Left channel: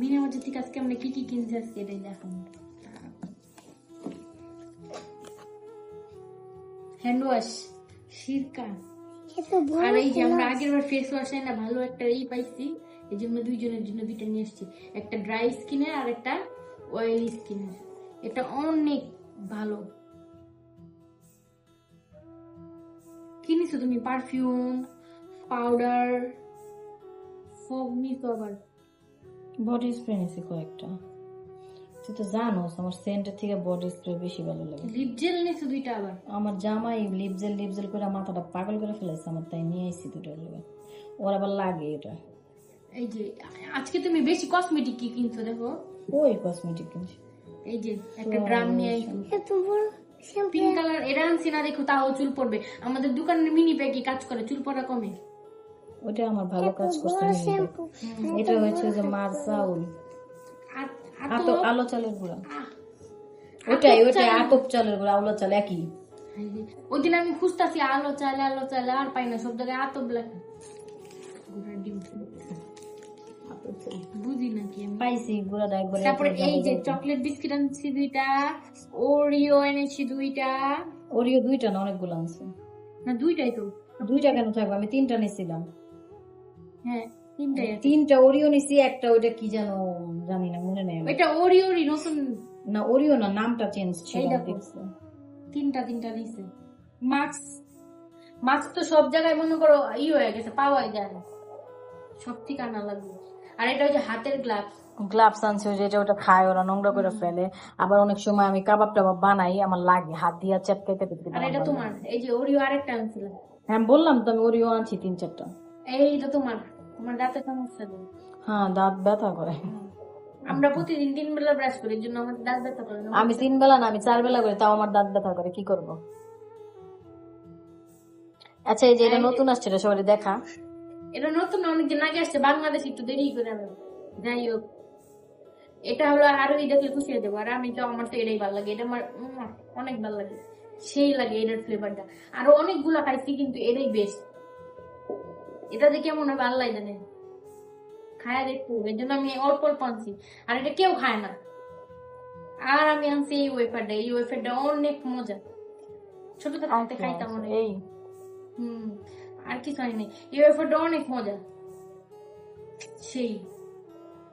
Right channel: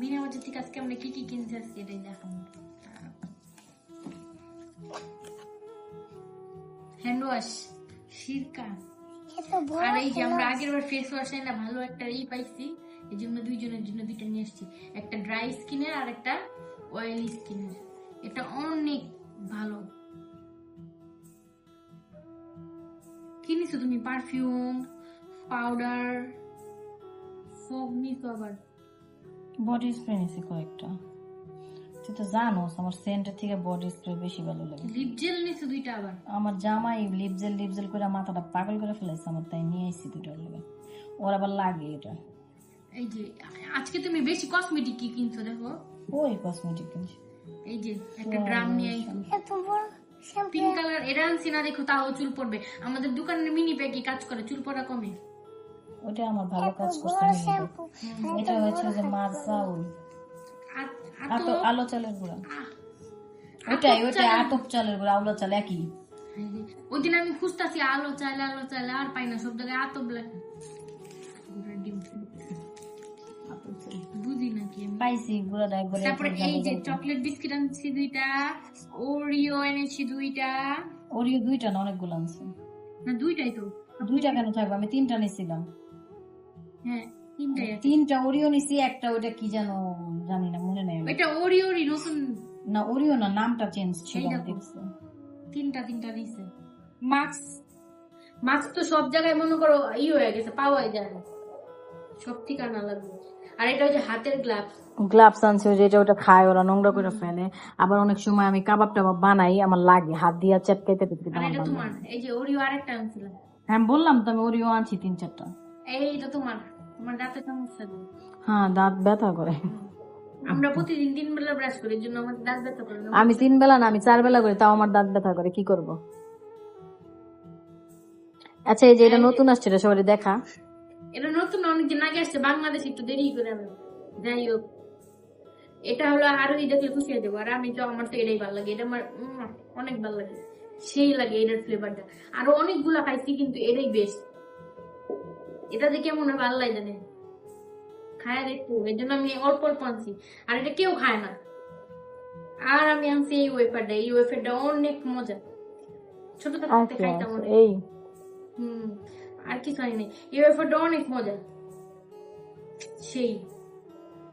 মিনা বাজার থেকে আজকে আমরা কি কি কিনছি আজকে এটাই দেখুন। হ্যান্ড ওয়াশ, সিরকা, আর এই যে আমরা আগের বার ফেস ওয়াশ না ভালো একটা এই পাইছি, এই জন্য দুইজনের জন্য দুইটা নিয়ে এসেছি, একটা ড্রাই স্কিনের আর একটা অয়েলি স্কিনের। এটা অনেক ভালো। কি নিছো তুমি? পারফিউম, পাউডার, সব নিছো আবার? বডি স্প্রে নিছি কয়েকটা। তুই তো জানোস আমার সেন্টের থেকে বডি স্প্রে বেশি ভালো লাগে। লিপ জেল নিছো দুইটা আবার? আমার জামাই লিপ জেল করে মাথাটা পাগল করে ফেলাইছে আমার, তাই নিয়ে এসেছি দুটো লেগে। ওর আবার লাগে এটা। এই যে আজকে তুমি বেশি কসমেটিক কি কিনছো দেখো? ওই কসমেটিক কিনছি। এই যে একটা ড্রাম নিয়ে আইছি, পিঙ্ক কালার। এটা আনছি না দেখো, তাও চুল পড়বে। আমাদের দোকানের মিনি প্যাকি কাজ করে, চুল পড়া কমে। ওটা আমার ভালো কাজ করছে। এটা হচ্ছে যে মারসাউল আলো চালের গুঁড়া। ওইটাই আতপ চালের গুঁড়া, আলো চাল একই। ওই দিন আমি খুঁজতেছি আলো চাল আর পাই না, সব জায়গায় আতপ লেখা। বুঝি নাকি আমি, পাইছি গুঁড়াটা একবার। তারপরে এই যে চকলেট বিস্কিট আনছি দুইটা, ওরিও এনেছি দুইটা। ওরিও দুইটা না, অনেকগুলো আনছি। না দুইটাই তো। দুইটা কেন থাকবে, আমি তিনটা নিছিলাম। হ্যাঁ তিনটাই আছে। তিনটা ওরিও নিছি, একটা ওইটা কি যেন জানি না, মনে নেই। ওইটা ওরিওরই নতুন না, ওরিও না, নামটা চেঞ্জ ছিল। তিনটা নিছে। মাস্ক তো সব জায়গায় মনে করো হয়ে গেছে, পাওয়াই যায় না, সব ঠিকানা লাগবে। আর এটা হচ্ছে হাতের গ্লাভস আনছি, যেটা ওটা খায় ওরা, নোংরা করে ফেলে। আবার অনেক সময় আমি কাবাব টাবাব বানাই, আমার লাগে হাত দিয়ে চেপকাইতে। আর এটা তোমার, এই যে ওরিও আরেকটা আনছিলাম। হ্যাঁ বললাম তো, আমি ওরিও আনছি 3-4টা। এইটা তোমার দাঁতে সমস্যা নেই? হ্যাঁ, দাঁত ব্যথা করে। আমরা প্রতিদিন 3 বেলা ব্রাশ করি, এর জন্য আমাদের দাঁত ব্যথা করে না। আমি 3 বেলা না, আমি 4 বেলা করি, তাও আমার দাঁত ব্যথা করে, কি করব? আচ্ছা, এই যে এটা নতুন আসছে, এটা সবাই দেখা। এটা নতুন অনেকদিন আগে আসছে, বাংলাদেশ একটু দেরি করে। যাই হোক, এটা হলো আরো দেখলে খুশি হয়ে যাবো। আর আমি তো, আমার তো এটাই ভালো লাগে, এটা আমার অনেক ভালো লাগে, সেই লাগে এটার ফ্লেভারটা। আরো অনেকগুলা খাইছি কিন্তু এটাই বেস্ট। এটা যে কেমন হবে আল্লাহ জানে, খায় দেখবো, এর জন্য আমি অল্প অল্প আনছি। আর এটা কেউ খায় না। আর আমি আনছি এই ওয়েফারটা অনেক মজা, ছোট থাকতে খাইতাম অনেক। আর কিছু আনি নাই, এই ওয়েফারটা অনেক মজা, সেই।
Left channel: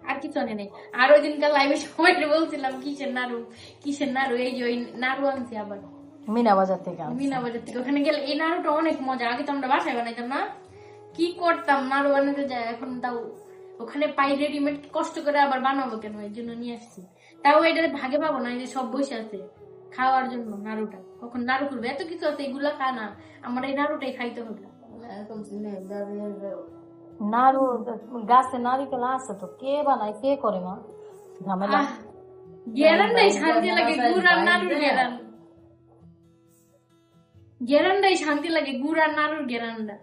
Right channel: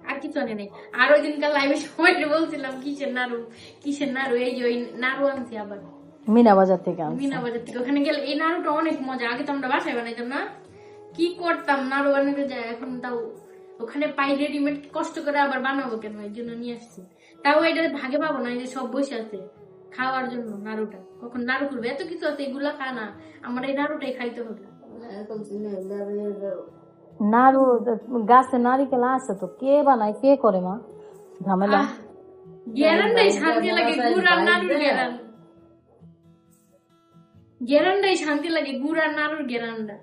আর কিছু আনি নাই। আর ওই দিনকার লাইভে সবাই বলছিলাম কিসের নাড়ু, এই যে ওই নাড়ু আনছি আবার মিনা বাজার থেকে। ওখানে গেলে এই নাড়ুটা অনেক মজা। আগে তো আমরা বাসায় বানাইতাম না, কি করতাম নাড়ু বানাতে যায়, এখন তাও ওখানে পাই রেডিমেড, কষ্ট করে আবার বানাবো কেন, এই জন্য নিয়ে আসছি। তাও এটা ভাগে পাবো না, যে সব বসে আছে খাওয়ার জন্য নাড়ুটা, কখন নাড়ু করবে, এত কিছু আছে, এগুলা খানা, আমার এই নাড়ুটাই খাইতে হবে। নাড়ু গাছে নারিকেল আছে তো, কে বানায় কে করে মা, ঝামেলা। গেরান্ডাই শান্তি লাগে, গুড় আর নাড়ুর গেরান্ডাই শান্তি লাগে, গুড় আর নাড়ুর গেরান্ডা।